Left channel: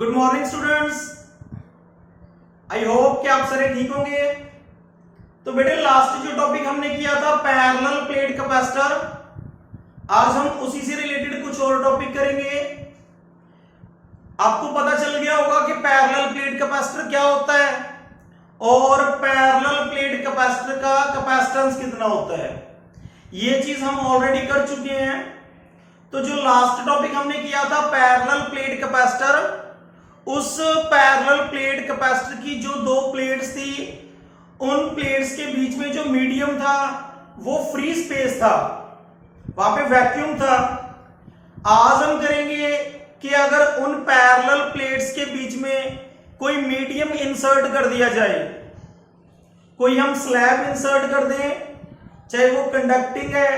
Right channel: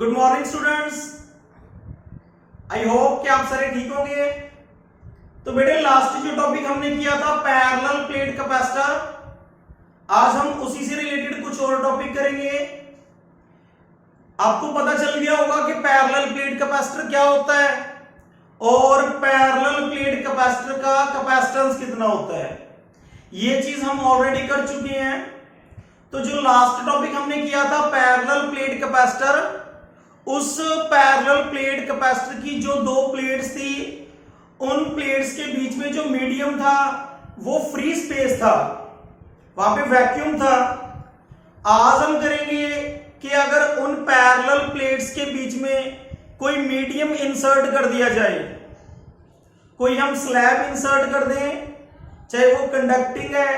Good morning students. I hope कि आप सारे ठीक होंगे। तो बेटे लास्ट जो टॉपिक हमने किया था पैरेलल प्लेट कैपेसिटर, आज हम उसी से रिलेटेड कुछ और टॉपिक करेंगे। आपको पता चल गया होगा कि पैरेलल प्लेट कैपेसिटर क्या होता है और पैरेलल प्लेट कैपेसिटर का कैपेसिटेंस कितना होता है। ये चीज हम ऑलरेडी कर चुके हैं। तो जो लास्ट टॉपिक हमने किया था पैरेलल प्लेट कैपेसिटर, उस पैरेलल प्लेट कैपेसिटर की जो दो प्लेट्स थी, उन प्लेट्स के बीच में जो मीडियम था वो फ्री स्पेस था, वहां पे वैक्यूम था। आज हम करेंगे कि अगर उन पैरेलल प्लेट्स के बीच में कोई मीडियम इंसर्ट कर दिया जाए, कोई हम स्लैब इंसर्ट कर दें, चाहे वो कंडक्टिंग है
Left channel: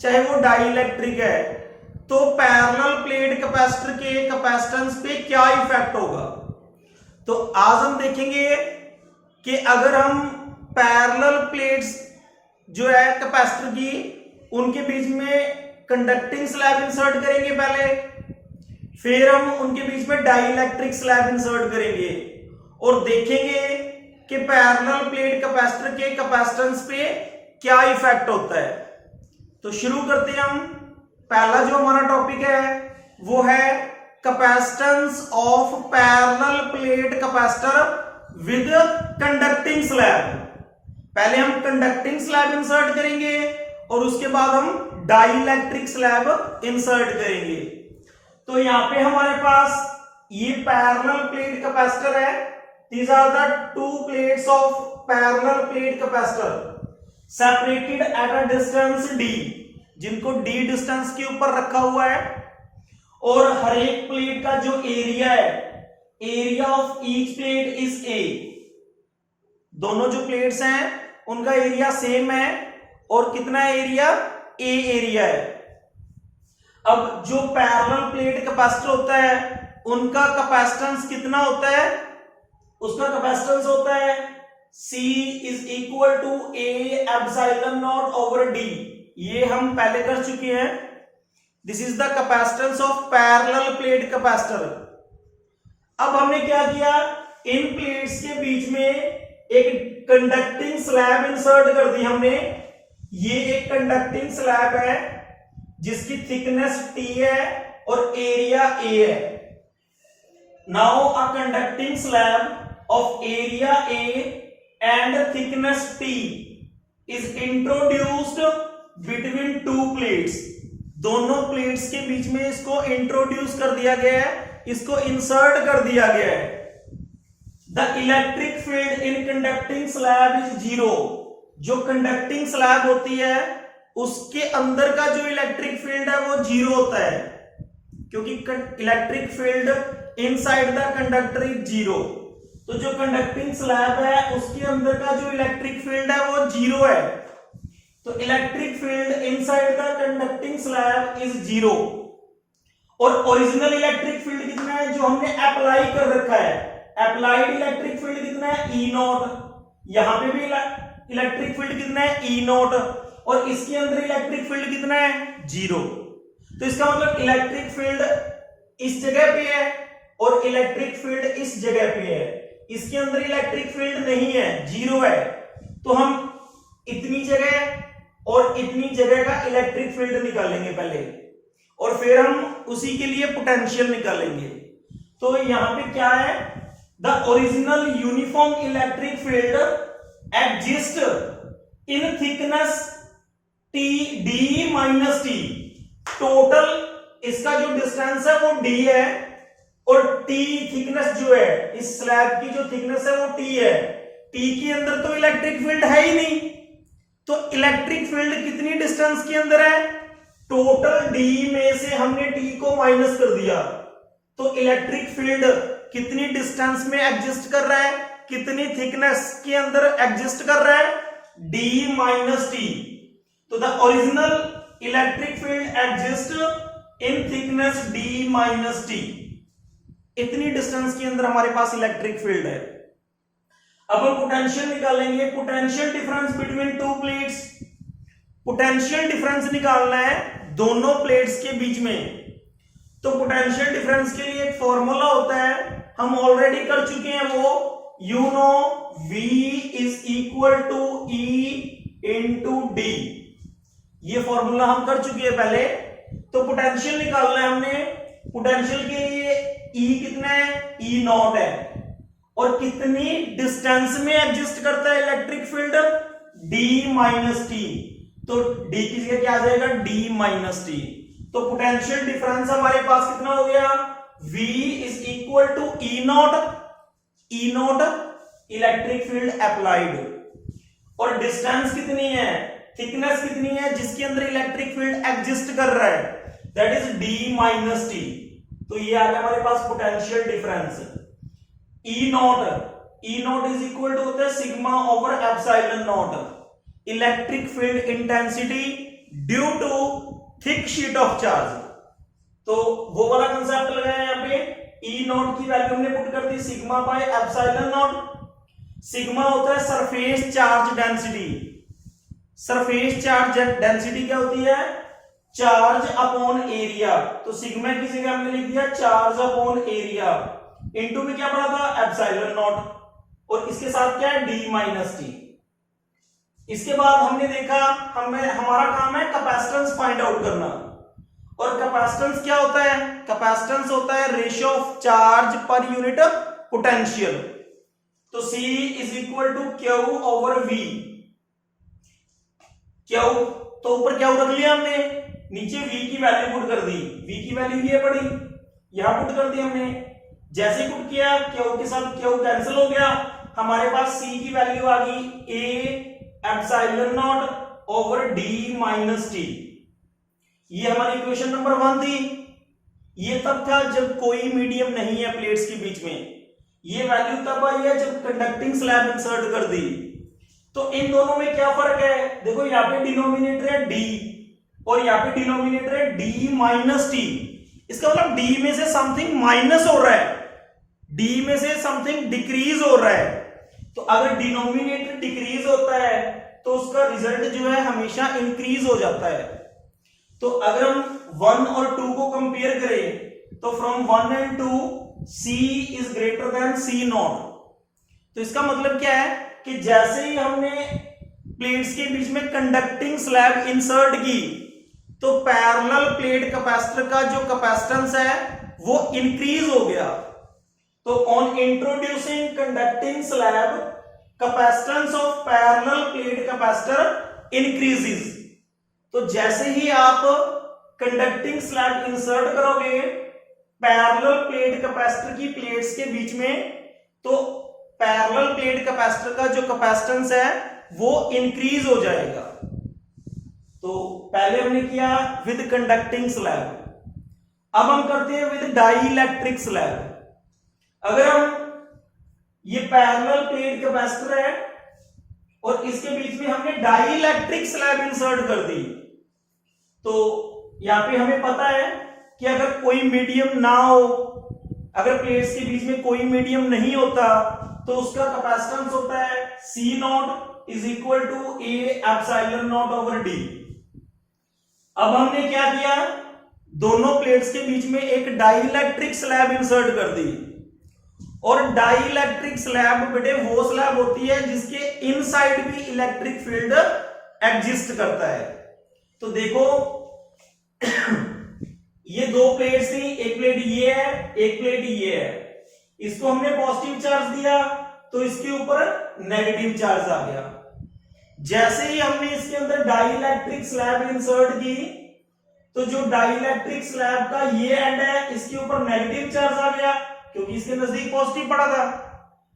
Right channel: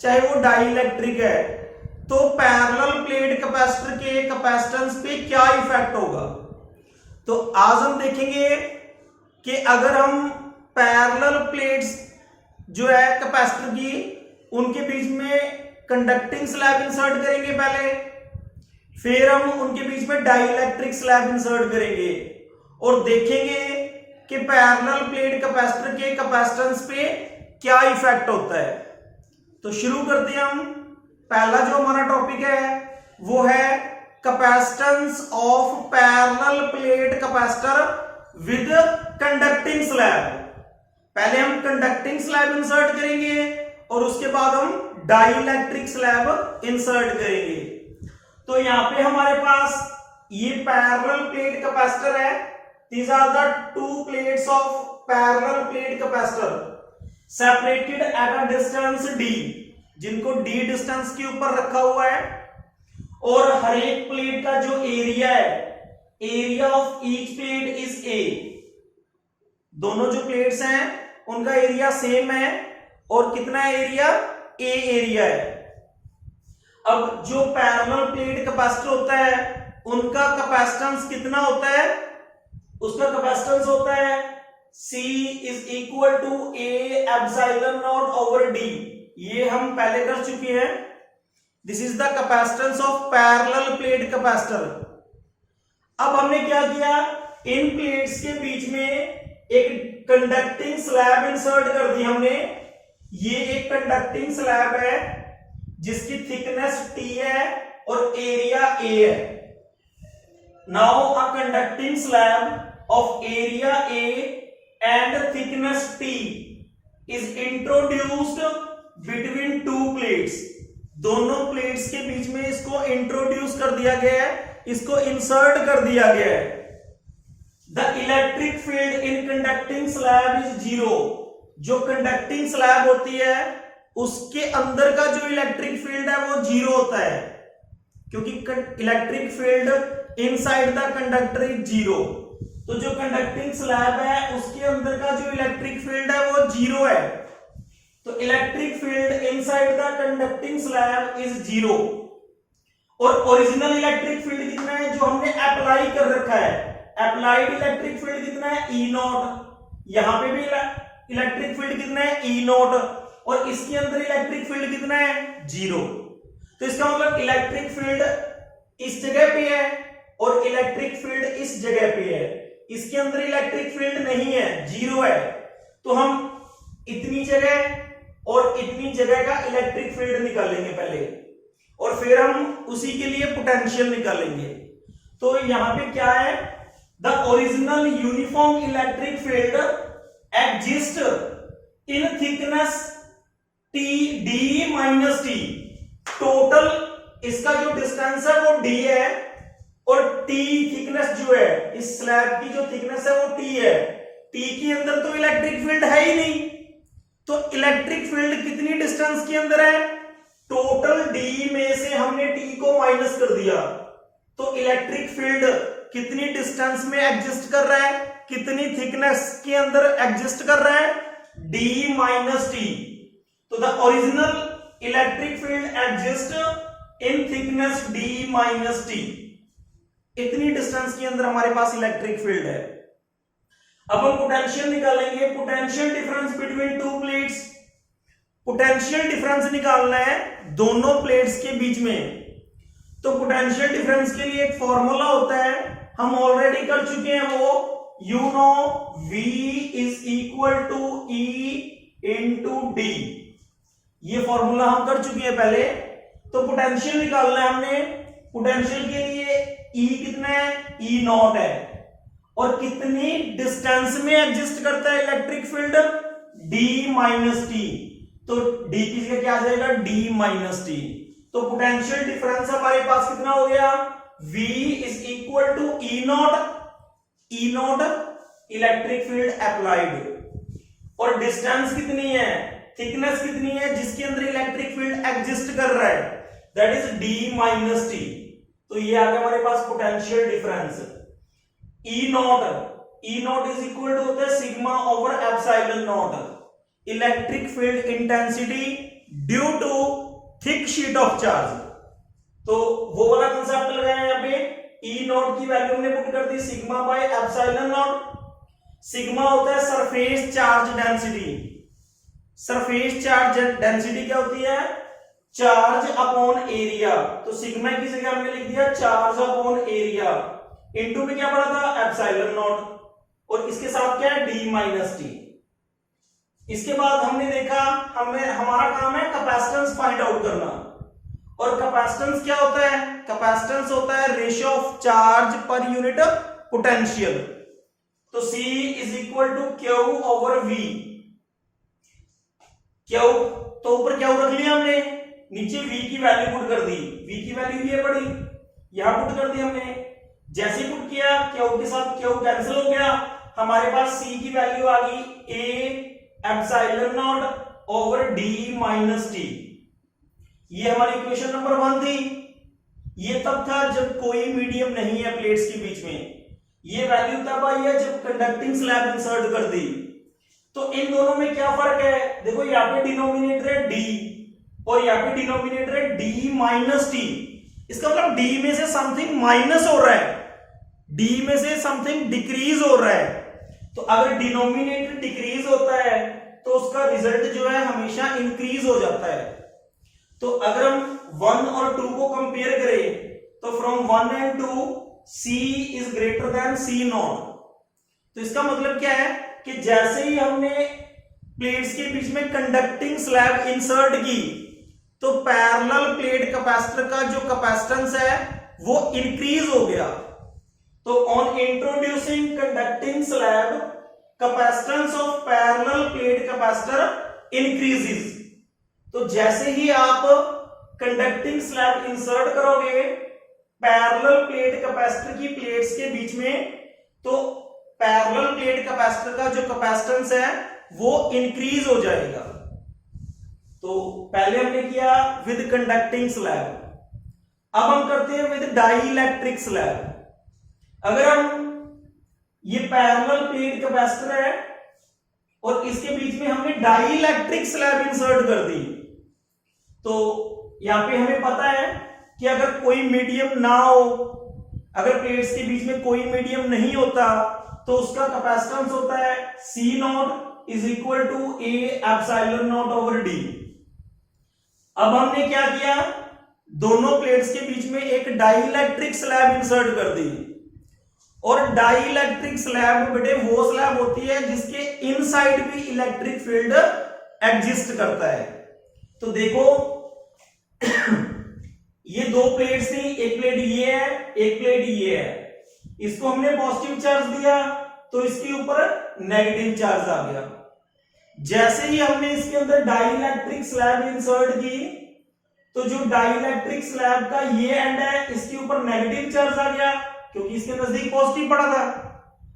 चाहे वो डाइइलेक्ट्रिक है, तो पैरेलल प्लेट कैपेसिटर के कैपेसिटेंस पे क्या इफेक्ट होगा। तो आज हम देखेंगे कि अगर हम पैरेलल प्लेट्स जो है कैपेसिटर की, उनके बीच में कंडक्टिंग स्लैब इंसर्ट करेंगे पहले, फिर हम उनके बीच में डाइइलेक्ट्रिक स्लैब इंसर्ट करेंगे और देखेंगे कि पैरेलल प्लेट कैपेसिटर के कैपेसिटेंस पे क्या इफेक्ट होता है। तो शुरू करते हैं हम। पहला जो हमारा टॉपिक है वो है capacitance of parallel plate capacitor with conducting slab. पहले हम कंडक्टिंग स्लैब इंसर्ट करेंगे और उसके बाद हम डाइइलेक्ट्रिक स्लैब इंसर्ट करेंगे। तो यहां पे हमारे पास ये पैरेलल प्लेट कैपेसिटर है। These are the two plates of parallel plate capacitor separated at a distance d, जिनको d डिस्टेंस के ऊपर रखा हुआ है। और हर एक प्लेट का जो एरिया है, area of each plate is a। दोनों जो प्लेट्स हैं उनका एरिया सेम है और कितना एरिया, a एरिया है। अब जो पैरेलल प्लेट कैपेसिटर होता है उनका कैपेसिटेंस कितना होता है, उसका कैपेसिटेंस होता है C is equal to A epsilon not over D। ये हम पहले कर चुके हैं। This is the capacitance of parallel plate capacitor. अब हमने क्या किया, इन प्लेट्स के बीच में एक कंडक्टिंग स्लैब इंसर्ट कर दी हमने। ये एक कंडक्टिंग स्लैब है जिसकी थिकनेस T है और एरिया A है। Now a conducting slab of area A and thickness T is introduced between two plates। दोनों प्लेट्स के बीच में इसको इंट्रोड्यूस कर दिया गया है, इसको इंसर्ट कर दिया गया है। The electric field in conducting slab is zero। जो कंडक्टिंग स्लैब होती है उसके अंदर का जो इलेक्ट्रिक फील्ड है वो जीरो होता है, क्योंकि electric field inside the conductor is zero. तो जो कंडक्टिंग स्लैब है उसके अंदर का जो इलेक्ट्रिक फील्ड है वो जीरो है। तो electric field inside the conducting slab is zero. और ओरिजिनल इलेक्ट्रिक फील्ड कितना है जो हमने अप्लाई कर रखा है, अप्लाइड इलेक्ट्रिक फील्ड कितना है, ई नॉट। यहां पे भी इलेक्ट्रिक फील्ड कितना है, ई नॉट। और इसके अंदर इलेक्ट्रिक फील्ड कितना है, जीरो। तो इसका मतलब इलेक्ट्रिक फील्ड इस जगह पे है और इलेक्ट्रिक फील्ड इस जगह पे है। इसके अंदर इलेक्ट्रिक फील्ड नहीं है, जीरो है। तो हम इतनी जगह और इतनी जगह का इलेक्ट्रिक फील्ड निकालेंगे पहले, और फिर हम उसी के लिए पोटेंशियल निकालेंगे। तो यहां पे क्या है, the original uniform electric field exist in thickness T D minus T। Total इसका जो डिस्टेंस है वो D है और T थिकनेस जो है, इस स्लैब की जो थिकनेस है वो T है। T के अंदर तो इलेक्ट्रिक फील्ड है ही नहीं, तो इलेक्ट्रिक फील्ड कितनी डिस्टेंस के अंदर है, टोटल D में से हमने T को माइनस कर दिया। तो इलेक्ट्रिक फील्ड कितनी डिस्टेंस में एग्जिस्ट कर रहा है, कितनी थिकनेस के अंदर एग्जिस्ट कर रहा है, D माइनस T। तो the original electric field exist in thickness D minus T। इतनी डिस्टेंस के अंदर हमारे पास इलेक्ट्रिक फील्ड है। अब हम पोटेंशियल निकालेंगे, potential difference between two plates. Potential difference निकालना है दोनों प्लेट्स के बीच में। तो पोटेंशियल डिफरेंस के लिए एक फॉर्मूला होता है हम ऑलरेडी कर चुके हैं वो, you know V is equal to E into D, ये फॉर्मूला हम कर चुके हैं पहले। तो पोटेंशियल निकालना है हमने, पोटेंशियल के लिए E कितना है, E नॉट है, और कितनी डिस्टेंस में एग्जिस्ट करता है electric field, D minus T, तो D की जगह क्या आ जाएगा, D माइनस टी। तो पोटेंशियल डिफरेंस हमारे पास कितना हो गया, V is equal to E not electric field applied, और डिस्टेंस कितनी है, थिकनेस कितनी है जिसके अंदर इलेक्ट्रिक फील्ड एग्जिस्ट कर रहा है, that is D minus T. तो ये आ गया हमारे पास potential difference. E not is equal to होता है sigma over epsilon not, electric field intensity due to thick sheet of charge. तो वो वाला कंसेप्ट लगाया यहां पे, E नॉट की वैल्यू हमने पुट कर दी sigma by epsilon not. Sigma होता है surface charge density, surface charge density क्या होती है, चार्ज अपॉन एरिया, तो सिग्मा की जगह हमने लिख दिया चार्ज अपॉन एरिया, इनटू में क्या पड़ा था, एप्सिलॉन नॉट, और इसके साथ क्या है, D माइनस टी। इसके बाद हमने देखा, हमारा काम है कैपेसिटेंस फाइंड आउट करना, और कैपेसिटेंस क्या होता है, कैपेसिटेंस होता है ratio of charge per unit potential. तो C is equal to Q over V, Q तो ऊपर Q रख लिया हमने, नीचे V की वैल्यू पुट कर दी, V की वैल्यू ये पड़ी, यहां पुट कर दी हमने, जैसे पुट किया Q के साथ Q कैंसिल हो गया, हमारे पास C की वैल्यू आ गई A epsilon not over D minus T. ये हमारी इक्वेशन नंबर 1 थी। ये तब था जब कोई मीडियम नहीं है प्लेट्स के बीच में, ये वैल्यू तब आई है जब कंडक्टिंग स्लैब इंसर्ट कर दी। तो इन दोनों में क्या फर्क है, देखो यहाँ पे डिनोमिनेटर है D और यहाँ पे डिनोमिनेटर है D माइनस टी, इसका मतलब D में से समथिंग माइनस हो रहा है, D में से समथिंग डिक्रीज हो रहा है। तो अगर डिनोमिनेटर डिक्रीज होता है तो उसका रिजल्ट जो है हमेशा इंक्रीज हो जाता है। तो अगर हम 1 और 2 को कंपेयर करें तो from 1 and 2 C is greater than C not. तो इसका मतलब क्या है कि जैसे ही हमने प्लेट्स के बीच में कंडक्टिंग स्लैब इंसर्ट की तो पैरेलल प्लेट कैपेसिटर का जो कैपेसिटेंस है वो इंक्रीज हो गया। तो on introducing conducting slab capacitance of parallel plate capacitor increases. तो जैसे ही आप कंडक्टिंग स्लैब इंसर्ट करोगे पैरेलल प्लेट कैपेसिटर की प्लेट्स के बीच में, तो पैरेलल प्लेट कैपेसिटर का जो कैपेसिटेंस है वो इंक्रीज हो जाएगा। तो पहले हमने किया विद कंडक्टिंग स्लैब, अब हम करते हैं विद डाइइलेक्ट्रिक स्लैब। अगर हम ये पैरेलल प्लेट कैपेसिटर है और इसके बीच में हमने डाइइलेक्ट्रिक स्लैब इंसर्ट कर दी, तो यहां पे हमें पता है कि अगर कोई मीडियम ना हो, अगर प्लेट्स के बीच में कोई मीडियम नहीं होता तो उसका कैपेसिटेंस होता है C not is equal to A epsilon not over D। अब हमने क्या किया, दोनों प्लेट्स के बीच में एक डाइइलेक्ट्रिक स्लैब इंसर्ट कर दी, और डाइइलेक्ट्रिक स्लैब बेटे वो स्लैब होती है जिसके इनसाइड भी इलेक्ट्रिक फील्ड एग्जिस्ट करता है। तो देखो ये दो प्लेट्स थी, एक प्लेट ये है एक प्लेट ये है, इसको हमने पॉजिटिव चार्ज दिया तो इसके ऊपर नेगेटिव चार्ज आ गया। जैसे ही हमने इसके अंदर डाइइलेक्ट्रिक स्लैब इंसर्ट की तो जो डाइइलेक्ट्रिक स्लैब का ये एंड है इसके ऊपर नेगेटिव चार्ज आ गया क्योंकि इसके नजदीक पॉजिटिव पड़ा था,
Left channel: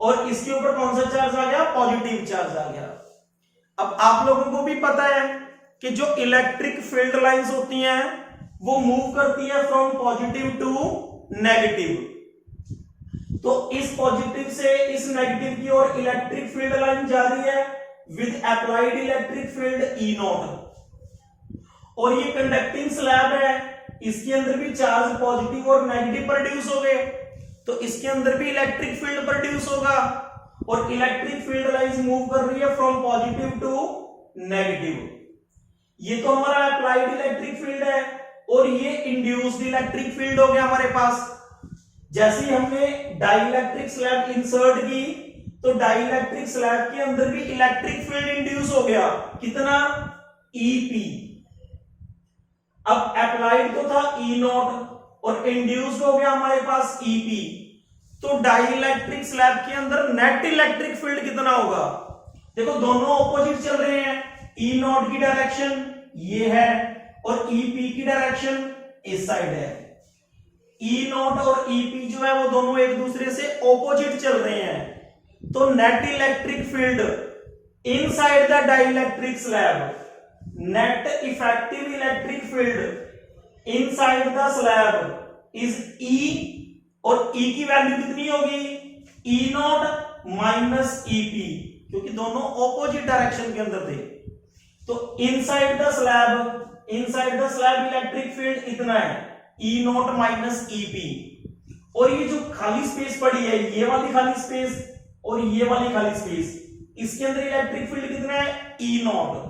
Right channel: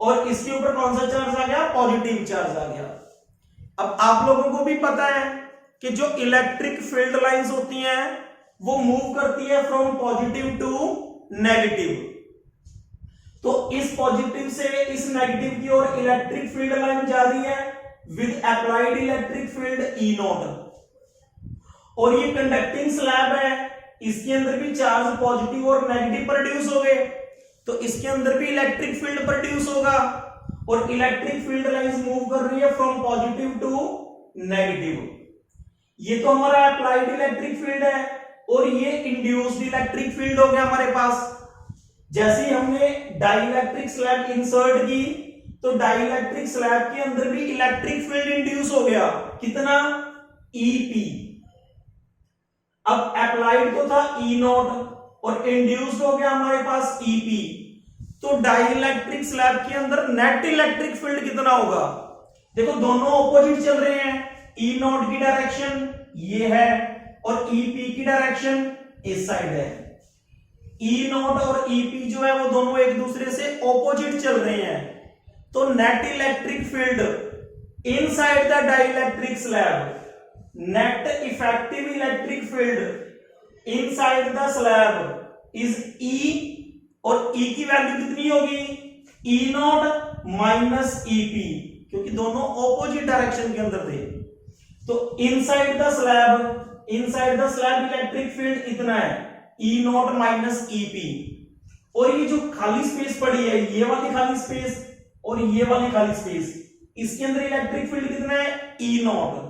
और इसके ऊपर कौन सा चार्ज आ गया, पॉजिटिव चार्ज आ गया। अब आप लोगों को भी पता है कि जो इलेक्ट्रिक फील्ड लाइंस होती हैं वो मूव करती है फ्रॉम पॉजिटिव टू नेगेटिव। तो इस पॉजिटिव से इस नेगेटिव की ओर इलेक्ट्रिक फील्ड लाइन जा रही है with applied electric field E not, और ये कंडक्टिंग स्लैब है, इसके अंदर भी चार्ज पॉजिटिव और नेगेटिव प्रोड्यूस हो गए, तो इसके अंदर भी इलेक्ट्रिक फील्ड प्रोड्यूस होगा, और इलेक्ट्रिक फील्ड लाइंस मूव कर रही है फ्रॉम पॉजिटिव टू नेगेटिव। ये तो हमारा अप्लाइड इलेक्ट्रिक फील्ड है और ये इंड्यूस्ड इलेक्ट्रिक फील्ड हो गया हमारे पास। जैसे ही हमने डाइलेक्ट्रिक स्लैब इंसर्ट की तो डाइलेक्ट्रिक स्लैब के अंदर भी इलेक्ट्रिक फील्ड इंड्यूस हो गया, कितना, ईपी। अब अप्लाइड तो था ई नॉट और इंड्यूस्ड हो गया हमारे पास ईपी। तो डाइलेक्ट्रिक स्लैब के अंदर नेट इलेक्ट्रिक फील्ड कितना होगा? देखो दोनों ऑपोजिट चल रहे हैं, ई नॉट की डायरेक्शन ये है और ईपी की डायरेक्शन इस साइड है। ई नॉट और ईपी जो है वो दोनों एक दूसरे से ऑपोजिट चल रहे हैं, तो net electric field inside the dielectric slab, net effective electric field inside the slab is E, और ई की वैल्यू कितनी होगी, ई नॉट माइनस ईपी, क्योंकि दोनों ऑपोजिट डायरेक्शन के अंदर थे। तो inside the slab electric field इतना है, ई नॉट माइनस ईपी। और ये जो खाली स्पेस पड़ी है, ये वाली खाली स्पेस और ये वाली खाली स्पेस, इसके अंदर इलेक्ट्रिक फील्ड कितना है, E not,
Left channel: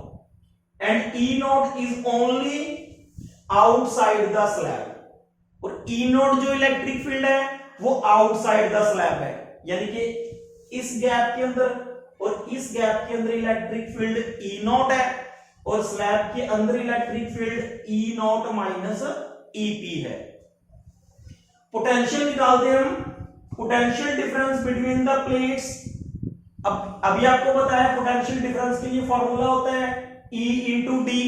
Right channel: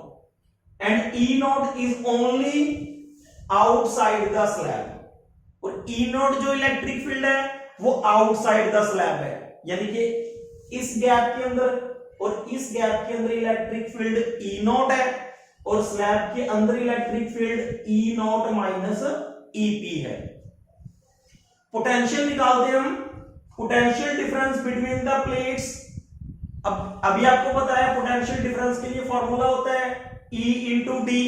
and E not is only outside the slab. और ई नॉट जो इलेक्ट्रिक फील्ड है वो आउटसाइड द स्लैब है, यानी कि इस गैप के अंदर और इस गैप के अंदर इलेक्ट्रिक फील्ड ई नॉट है और स्लैब के अंदर electric field E not minus EP है। पोटेंशियल निकालते हैं हम, potential difference between the plates. अब अभी आपको पता है पोटेंशियल डिफरेंस के लिए फॉर्मूला होता है E इंटू डी।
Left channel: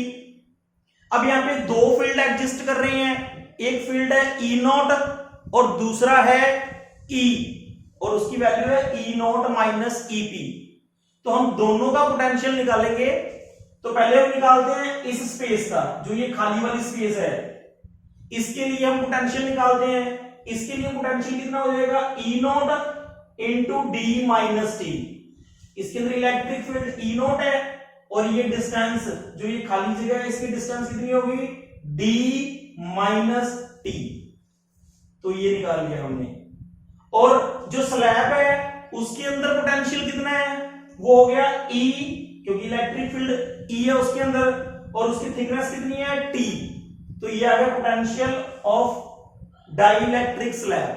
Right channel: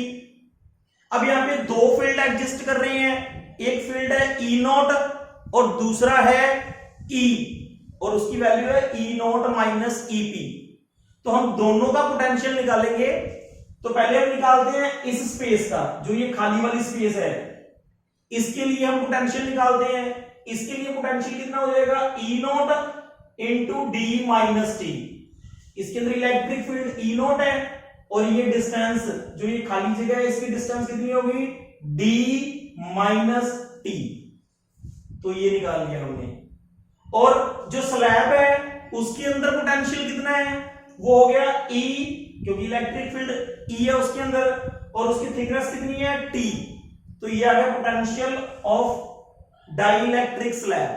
अब यहां पे दो फील्ड एग्जिस्ट कर रहे हैं, एक फील्ड है ई नॉट और दूसरा है ई, और उसकी वैल्यू है ई नॉट माइनस ईपी। तो हम दोनों का पोटेंशियल निकालेंगे। तो पहले हम निकालते हैं इस स्पेस का, जो ये खाली वाली स्पेस है, इसके लिए हम पोटेंशियल निकालते हैं। इसके लिए पोटेंशियल कितना हो जाएगा, E not into D minus T. इसके अंदर इलेक्ट्रिक फील्ड ई नॉट है और ये डिस्टेंस जो ये खाली जगह है, इसकी डिस्टेंस कितनी होगी, डी माइनस टी। तो ये निकाल लिया हमने। और जो स्लैब है उसके अंदर पोटेंशियल कितना है, वो हो गया ई, क्योंकि इलेक्ट्रिक फील्ड ई है उसके अंदर, और उसकी थिकनेस कितनी है, टी। तो ये आ गया पोटेंशियल ऑफ डाइलेक्ट्रिक स्लैब।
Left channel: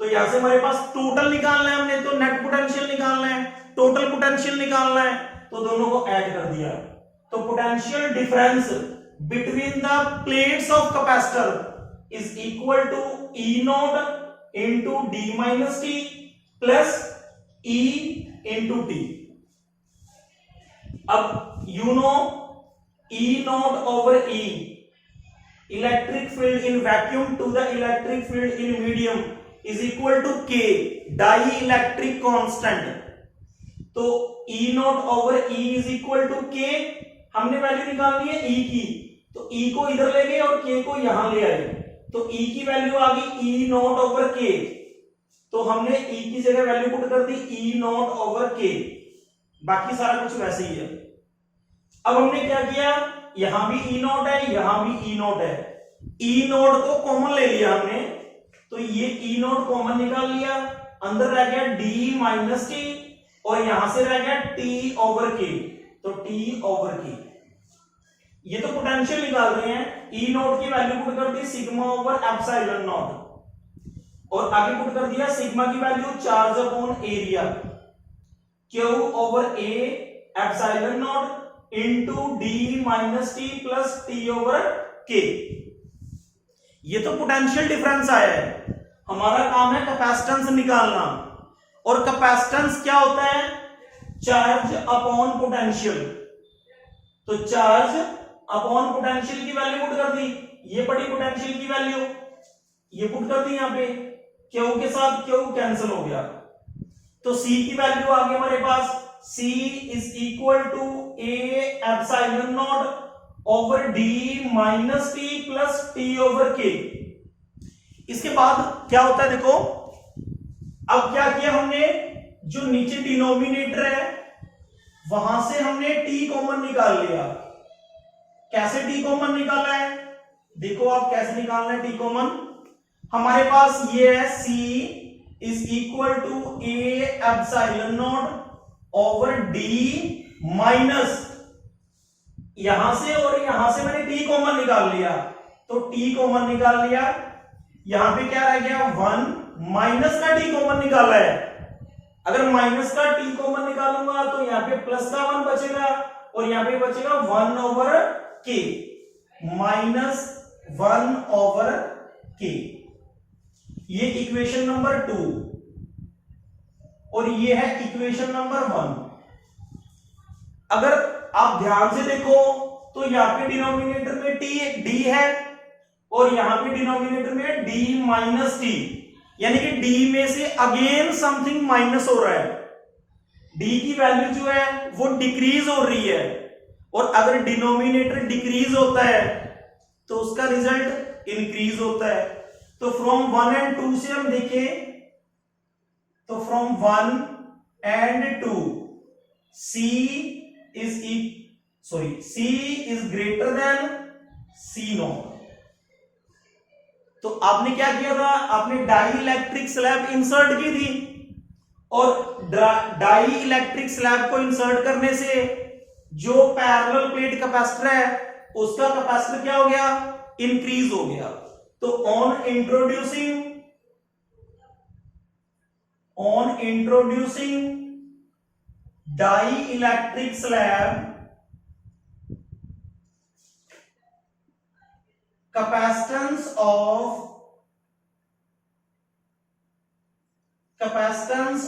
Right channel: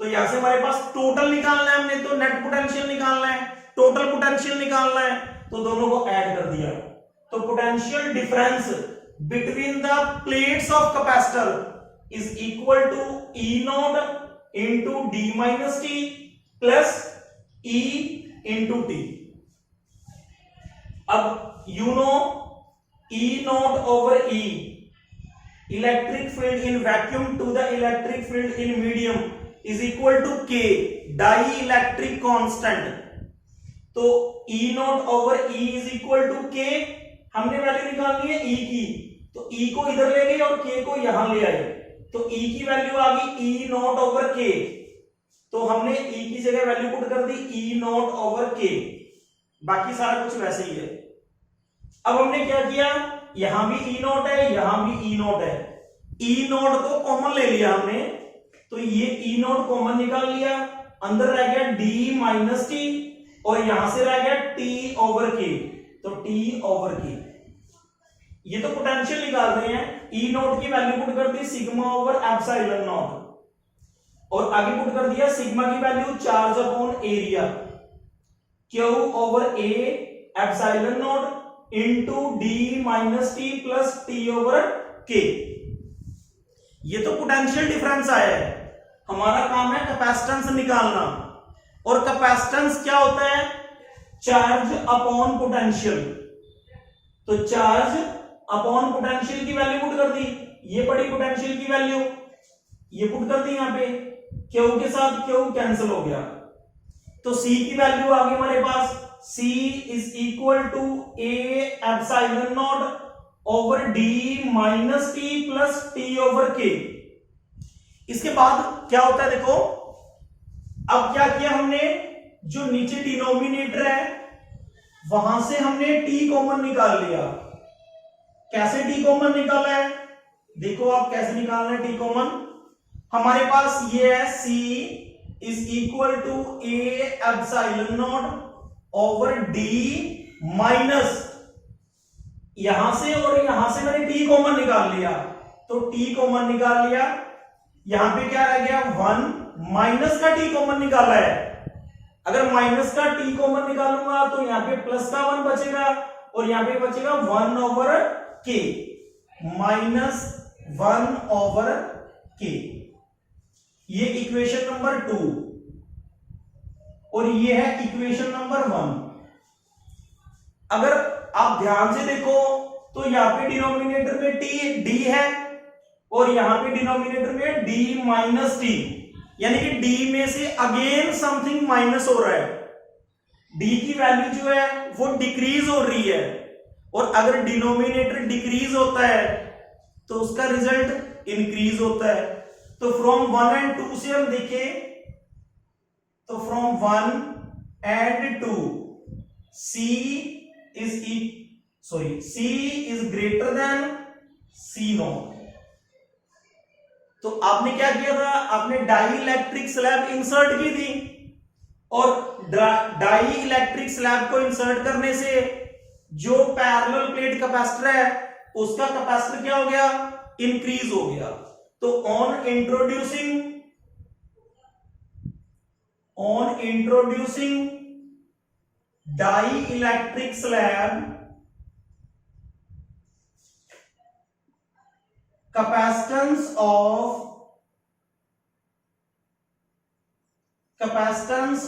तो यहां से हमारे पास टोटल निकालना है हमने, तो नेट पोटेंशियल निकालना है, टोटल पोटेंशियल निकालना है, तो दोनों को ऐड कर दिया। तो potential difference between the plates of capacitor is equal to E not into D minus T plus E into T. अब you know E not over E, electric field in vacuum to the electric field in medium is equal to K, dielectric constant. तो E not over E is equal to K, हमने value निकालनी है ई की, तो ई को इधर ले गए और के को यहां ले आए, तो ई की वैल्यू आ गई ई नॉट ओवर के। तो हमने ई की जगह वैल्यू पुट कर दी ई नॉट ओवर के, बाकी सारा कुछ वैसे ही है। अब हमने क्या किया, यहां भी ई नॉट है, यहां भी ई नॉट है, ई नॉट को कॉमन ले लिया हमने, तो ये ई नॉट कॉमन निकाल लिया, अंदर रह गया डी माइनस टी और यहां से रह गया टी ओवर के, तो टी ओवर के। ये तो पोटेंशियल निकाल रहे हैं, ई नॉट की वैल्यू पुट कर दी सिग्मा ओवर एप्सिलॉन नॉट, और आगे पुट कर दिया सिग्मा की value charge upon area, Q over A epsilon not into D minus T plus T over के। ये तो पोटेंशियल डिफरेंस आया है। हमारा काम है कैपेसिटेंस निकालना, और कैपेसिटेंस क्या होता है, चार्ज अपॉन पोटेंशियल। तो चार्ज अपॉन पोटेंशियल की वैल्यू पुट कर दी, ये पड़ी पोटेंशियल की वैल्यू, ये पुट कर दी यहां पे, क्यू के साथ क्यू कैंसिल हो गया, तो सी की वैल्यू आ गई हमारे पास, C is equal to A epsilon not over D minus T plus T over K. इसके बाद क्या होता है देखो, अब क्या किया हमने, जो नीचे डिनोमिनेटर है वहां से हमने टी कॉमन निकाल लिया। कैसे टी कॉमन निकाला है, देखो आप कैसे निकालना है टी कॉमन। हमारे पास ये है C is equal to A epsilon not over D minus, यहां से और यहां से मैंने टी कॉमन निकाल लिया, तो टी कॉमन निकाल लिया, यहां पे क्या रह गया 1, माइनस का t कॉमन निकाला है। अगर माइनस का t कॉमन निकालूंगा तो यहां पे प्लस का 1 बचेगा और यहां पे बचेगा 1/k, -1/k। ये इक्वेशन नंबर 2 और ये है इक्वेशन नंबर 1। अगर आप ध्यान से देखो तो यहां पे डिनोमिनेटर में d है और यहां पे डिनोमिनेटर में d - t, यानी कि d में से अगेन समथिंग माइनस हो रहा है। d की वैल्यू जो है वो डिक्रीज हो रही है और अगर डिनोमिनेटर डिक्रीज होता है तो उसका रिजल्ट इंक्रीज होता है। तो फ्रॉम 1 and 2 से हम देखें तो from 1 and 2 c is greater than c0। तो आपने क्या किया था, आपने डाई इलेक्ट्रिक स्लैब इंसर्ट की थी और डाई इलेक्ट्रिक स्लैब को इंसर्ट करने से जो पैरेलल प्लेट कैपेसिटर है उसका कैपेसिटर क्या हो गया, इंक्रीज हो गया। तो on introducing dielectric slab, capacitance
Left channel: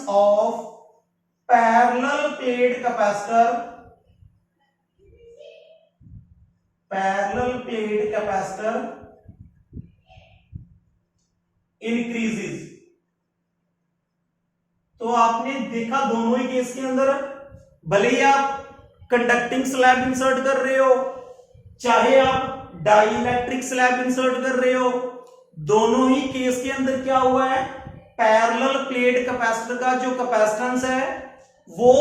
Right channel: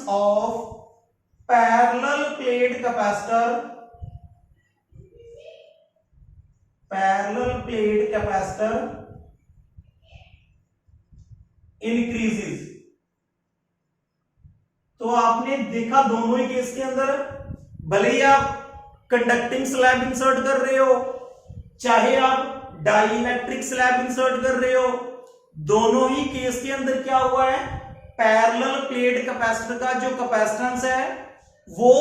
of parallel plate capacitor increases। तो आपने देखा दोनों ही केस के अंदर, भले ही आप कंडक्टिंग स्लैब इंसर्ट कर रहे हो चाहे आप डाई इलेक्ट्रिक स्लैब इंसर्ट कर रहे हो, दोनों ही केस के अंदर क्या हुआ है, पैरेलल प्लेट कैपेसिटर का जो कैपेसिटेंस है वो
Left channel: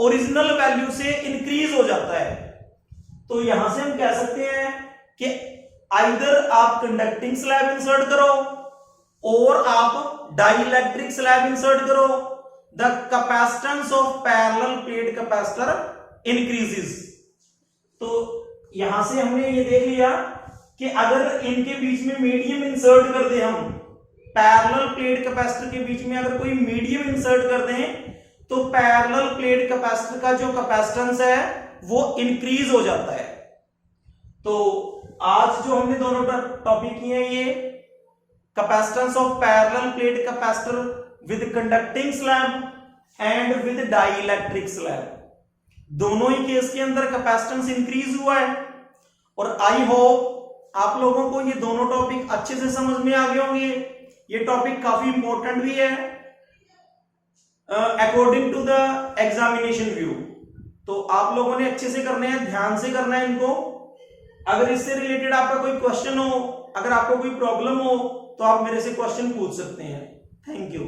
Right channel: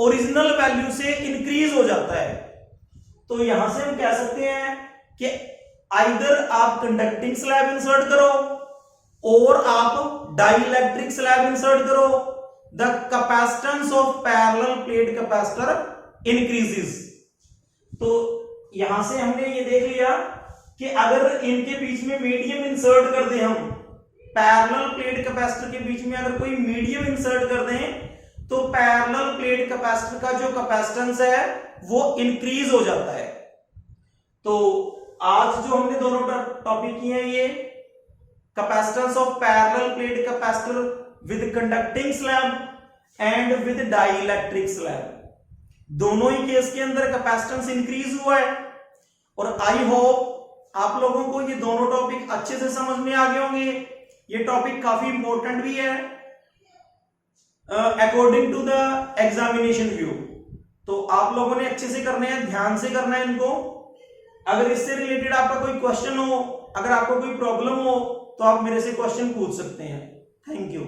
ओरिजिनल वैल्यू से इंक्रीज हो जाता है। तो यहां से हम कह सकते हैं कि आइदर आप कंडक्टिंग स्लैब इंसर्ट करो और आप डाई इलेक्ट्रिक स्लैब इंसर्ट करो, the capacitance of parallel plate capacitor increases. तो यहां से हमने ये देख लिया कि अगर इनके बीच में मीडियम इंसर्ट कर दें, हम पैरेलल प्लेट कैपेसिटर के बीच में अगर कोई मीडियम इंसर्ट कर दें तो पैरेलल प्लेट कैपेसिटर का जो कैपेसिटेंस है वो इंक्रीज हो जाता है। तो आज जो हमने दोनों टॉपिक किए हैं, ये capacitance of parallel plate capacitor with conducting slab and with dielectric slab, दोनों ही केस के अंदर कैपेसिटेंस इंक्रीज हुआ है। और आई होप आप लोगों को ये दोनों टॉपिक अच्छे से समझ में आ गए होंगे। ये टॉपिक काफी इंपॉर्टेंट भी है according to the examination view. तो आप लोगों ने अच्छे से करने हैं, ध्यान से करना है इनको। अगर इससे रिलेटेड आपका कोई क्वेश्चन हो, अगर आपको कोई प्रॉब्लम हो तो आप मेरे से क्वेश्चन पूछ सकते हैं। Thank you.